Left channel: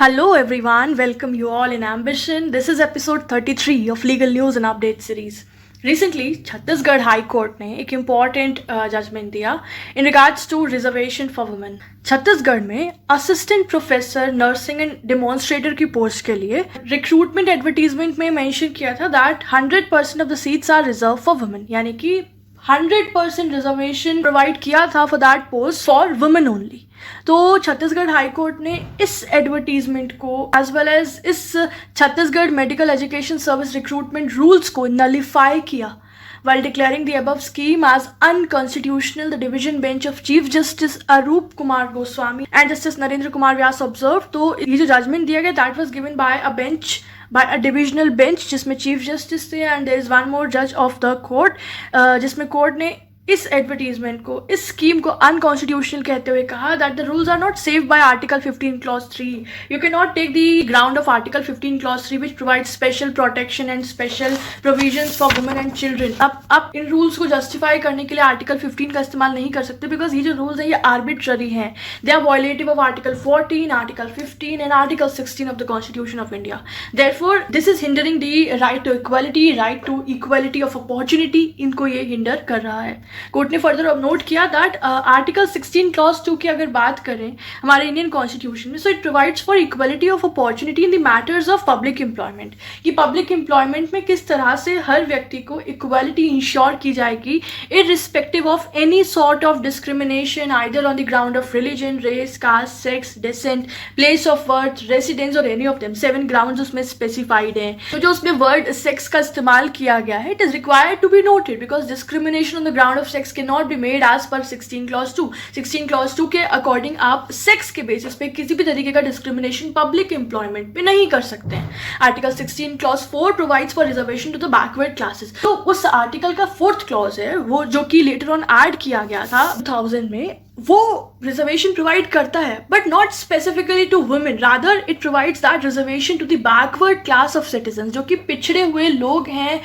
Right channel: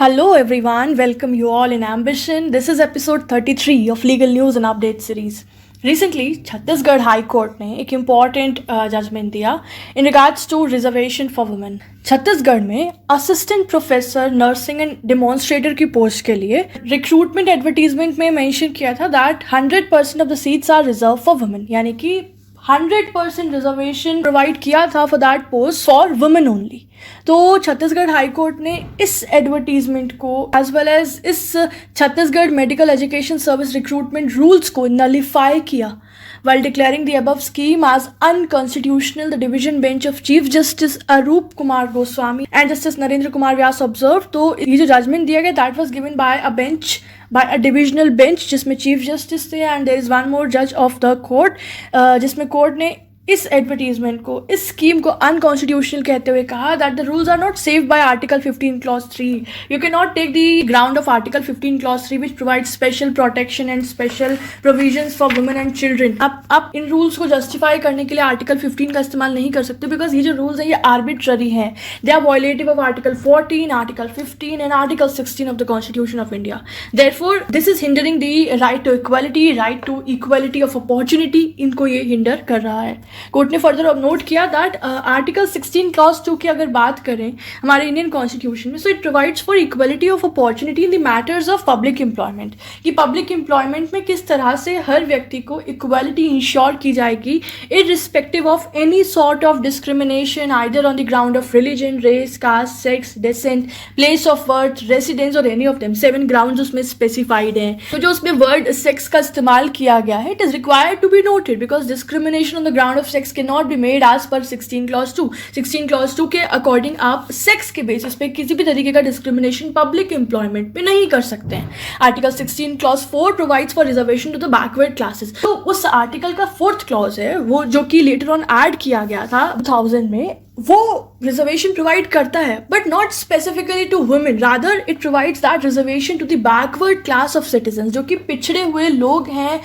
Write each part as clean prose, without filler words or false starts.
Hello everyone, welcome you all in Ambition. This is episode 33 of Legal News and Update series. Recently, Chhattisgarh high court ने एक important judgment दिया in regards to reservation for women. Chhattisgarh में assistant professor nursing and demonstrator की post के लिए recruitment advertisement में mention किया था that 100% of the seats are reserve for women, यानी कि 100% रिजर्वेशन प्रोवाइड किया था for that post for women only. तो छत्तीसगढ़ हाई कोर्ट ने इस एडवर्टीजमेंट को एज वेल एज इस Chhattisgarh medical education service recruitment rules को नलिफाई किया. While declaring the above scheme as unconstitutional, the division bench of Chief Justice Arup Kumar Goswami and Justice Narendra Kumar Vyas observed. तो ये जो judgement दिया गया that was given by a bench, by a divisional bench जिसमें chief justice थे and there is one more judge of the court, जिसमें court ने इस एडवर्टीजमेंट को, इस स्कीम को अनकॉन्स्टिट्यूशनल कहते हुए कहा that the rules are not saved by article 15 clause 3. You can not take the ground of article 15 clause 3 which provide special protection and special provisions for women and children. आप इन rules को justify करने के लिए article 15 का इस्तेमाल नहीं कर सकते बिकॉज ये जो रूल्स हैं ये आर्बिट्ररी हैं. They are violative of article 14, article 15 and article 16 of the constitution of India. Therefore this is hindering the right to equality, right to equality of opportunity. इनको ये हिंडर कर रहा है. कोर्ट ने फर्दर नोट किया that article 16 clause 2 की अगर बात करें हमारे इंडियन कॉन्स्टिट्यूशन में, so it provides for equality of opportunity in the matters of public employment. कि पब्लिक एम्प्लॉयमेंट में किस तरह से हर व्यक्ति को इक्वलिटी इंश्योर की जाएगी irrespective of any sort of discrimination either on the ground of religion, race, caste, sex, descent, place of birth, residence और एनी ऑफ देम. 7 ग्राउंड्स उसमें स्पेसिफाइड हैं. तो जो उसमें वर्ड सेक्स का इस्तेमाल किया गया है it is required to be noted because discrimination on the ground of sex can not be made as per 16 clause 2. 16 clause 2 के अकॉर्डिंग आप सेक्स के बेसिस पे किसी भी तरीके का डिस्क्रिमिनेशन पब्लिक एम्प्लॉयमेंट पे नहीं कर सकते हैं. Article 16 clause 4 provides for reservation to the backward classes. तो उस आर्टिकल का 4th क्लॉज है वो जो कि लेटर ऑन ऐड किया गया था 2000 में, वो रिजर्वेशन प्रोवाइड करता है but not specifically to women, rather it provides that reservation to the backward class of citizen. जो कि पिछड़े हुए लोग हैं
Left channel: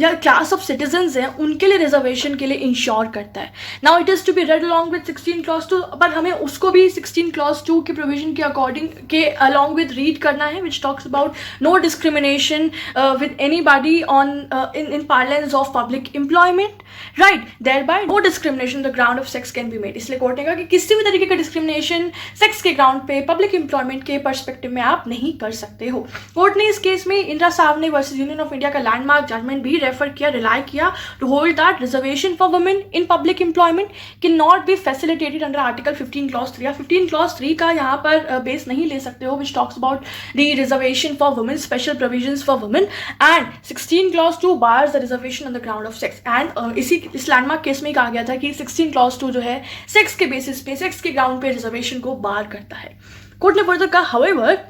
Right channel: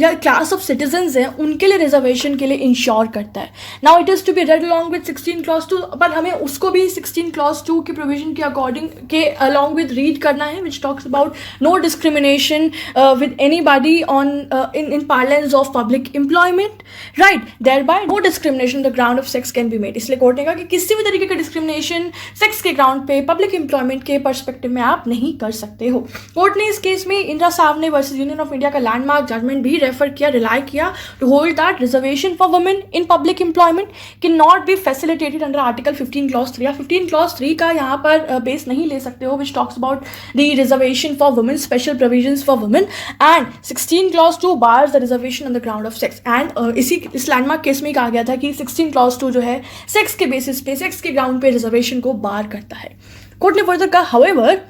या क्लास ऑफ सिटीजन्स हैं उनके लिए रिजर्वेशन के लिए इंश्योर करता है. Now it is to be read along with 16 clause 2, पर हमें उसको भी 16 क्लॉज 2 के प्रोविजन के अकॉर्डिंग के अलॉन्ग विद रीड करना है which talks about no discrimination with anybody on in parlance of public employment, right. Thereby no discrimination the ground of sex can be made. इसलिए कोर्ट ने कहा कि किसी भी तरीके का डिस्क्रिमिनेशन सेक्स के ग्राउंड पे पब्लिक एम्प्लॉयमेंट के पर्सपेक्टिव में आप नहीं कर सकते हो. कोर्ट ने इस केस में Indira Sawhney versus union of India का लैंडमार्क जजमेंट भी रेफर किया, रिलाई किया to hold that reservation for women in public employment can not be facilitated under article 15 clause 3 या 15 क्लॉज 3 का यहाँ पर बेस नहीं ले सकते हो विच talks about the reservation for women, special provisions for women, and 16 clause 2 bars the reservation on the ground of sex. And इस landmark case में कहा गया था कि 16 क्लॉज 2 जो है सेक्स के बेसिस पे, सेक्स के ग्राउंड पे रिजर्वेशन को बार करता है. कोर्ट ने फर्दर कहा however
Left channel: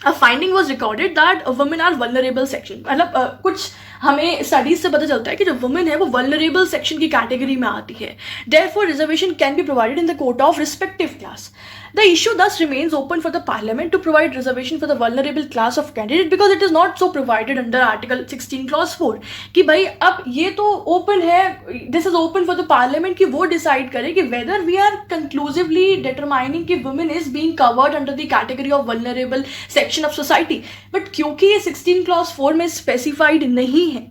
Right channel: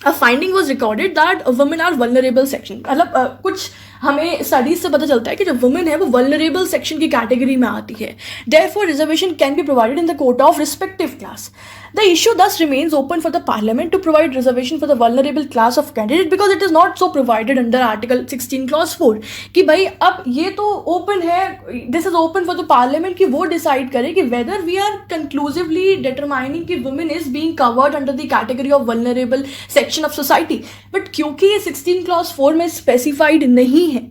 a finding was recorded that women are vulnerable section. मतलब कुछ हमें स्टडीज से पता चलता है कि जो वुमेन है वो वल्नरेबल सेक्शन की कैटेगरी में आती है. Therefore, reservation can be provided in the quota of respective class. The issue thus remains open for the parliament to provide reservation for the vulnerable class of candidate because it is not so provided under Article 16 Clause 4. कि भाई अब ये तो open है, this is open for the parliament कि वो decide करे कि whether we are conclusively determining कि women is being covered under the category of vulnerable section of society. But क्योंकि ये 16 Clause 4 में specified नहीं है,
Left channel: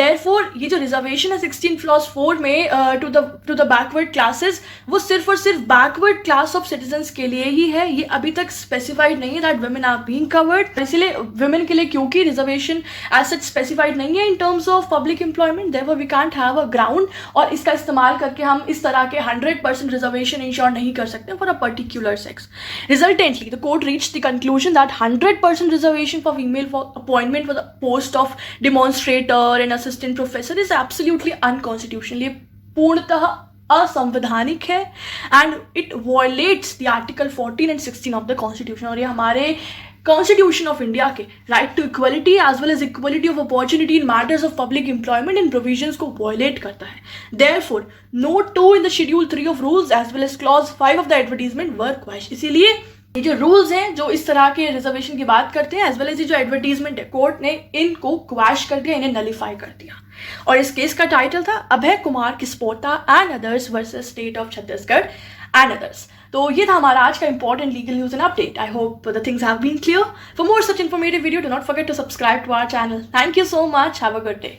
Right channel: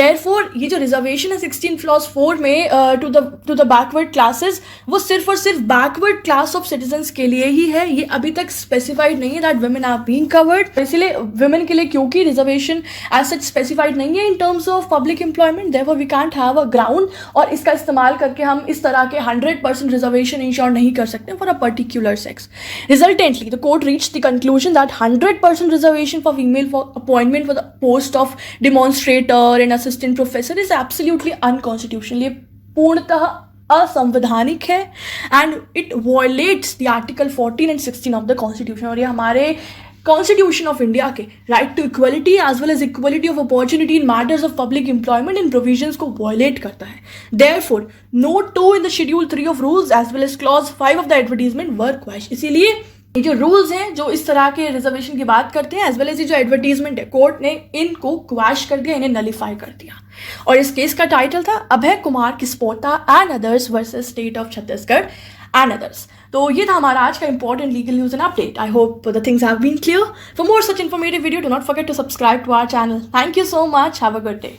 therefore ये जो reservation है 16 Clause 4 में to the backward classes वो सिर्फ और सिर्फ backward class of citizens के लिए ही है. ये अभी तक स्पेसिफाइड नहीं है that women are being covered. इसलिए वुमेन के लिए क्योंकि रिजर्वेशन एज सच स्पेसिफाइड नहीं है in terms of public employment, therefore we can't have a ground और इसका इस्तेमाल करके हम इस तरह के 100% रिजर्वेशन इंश्योर नहीं कर सकते for a particular sex. Resultantly the court reached the conclusion that 100% reservation for female for appointment for the post of demonstrator and assistant professor is absolutely unconstitutional. ये पूर्णतः असंवैधानिक है and it violates the article 14 and 16 of the constitution. और ये हमारे constitution of India के right to equality as well as equality of opportunity in matters of public employment in provisions को violate करता है. Therefore note 2 in the schedule 3 of rules as well as clause 5 of the advertisement were quash. इसीलिए ये जो rules हैं जो इस तरह के रिजर्वेशन की बात करते हैं, एज वेल एज ये जो एडवर्टीजमेंट है, कोर्ट ने इनको क्वैश कर दिया, इन्हें नलीफाई कर दिया। और इस केस का टाइटल था Abhay Kumar Kispotta and others versus state of Chhattisgarh and others. तो ये था हमारा आज का important legal news and update. I hope the things have been clear. For more such informative video, do not forget to subscribe to our channel. Thank you so much, have a good day.